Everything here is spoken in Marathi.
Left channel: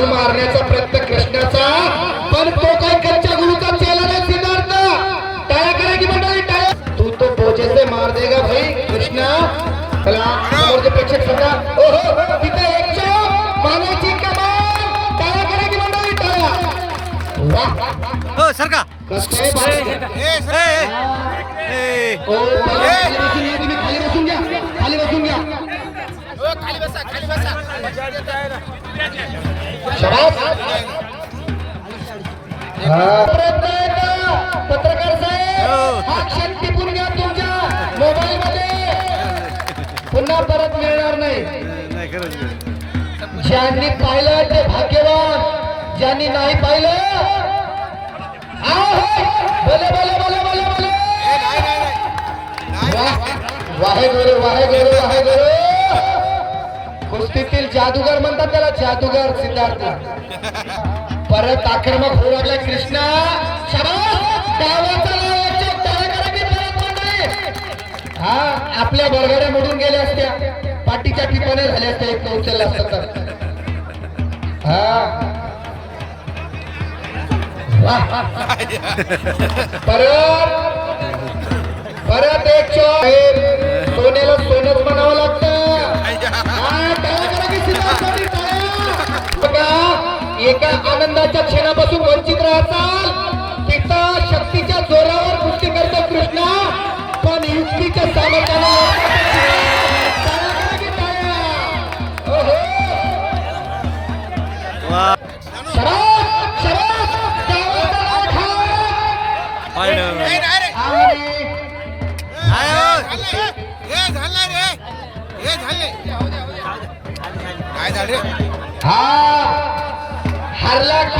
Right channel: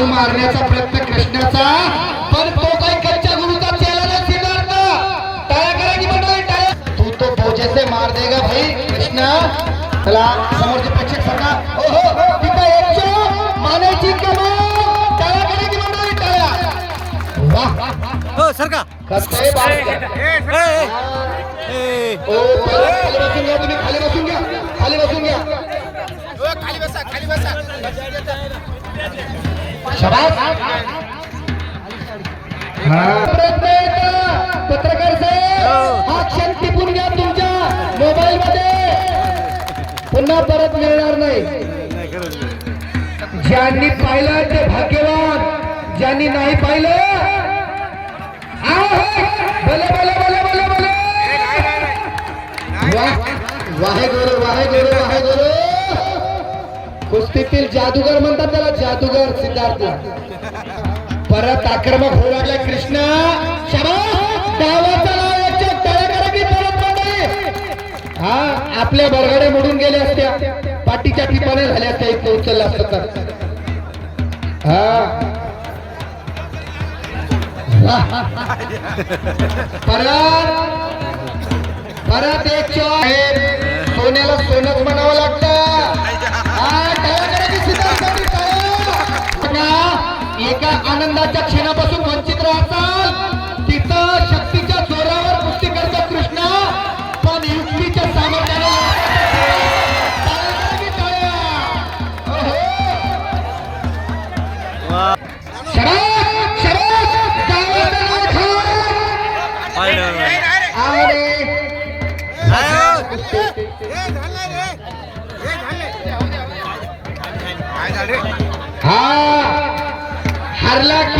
शाबू मारण्याचा प्रयत्न कृष्णाचा. पण तो काही कच्च्या गुरुचा चेला नाही सिद्धार्थ. टाळ्या करा की मंडळी तू तो टोचेसे मार दे ग भाई कृष्ण. चला समोरचे प्रेक्षक सांगा हो तिथं मानायची करा की मंडळी हो सरका. कसं आहे बाळ? ए, ए. तुम्ही खाली बसून पत्रकार साहेब हो. टिपून घ्या तुमच्या मोबाईल मध्ये पुन्हा परत मिळणार नाही. ज्यांनी पाहिलं ते भाग्यवान ज्यांनी नाही पाहिलं वाहे गोरे वाहे गोरे वाहे गोरे कुस्तीतील जादूगर म्हणतात त्याला जादूगर सिद्धार्थ. परत आक्रमक होऊ लागला कृष्णा. हा आपल्या बरगाड्या मोडून गेल्या असत्या पाठीच्या टिपाने झाल्या असत्या इथं उचलल्या असतं तर हा. परत एका आनंदाच्या क्षणापासून वंचित राहताल पिता शक्तीच्या जोरावर मुक्ती करतो कृष्णा. पण युक्तीच्या सामर्थ्याने टाळ्या हरला की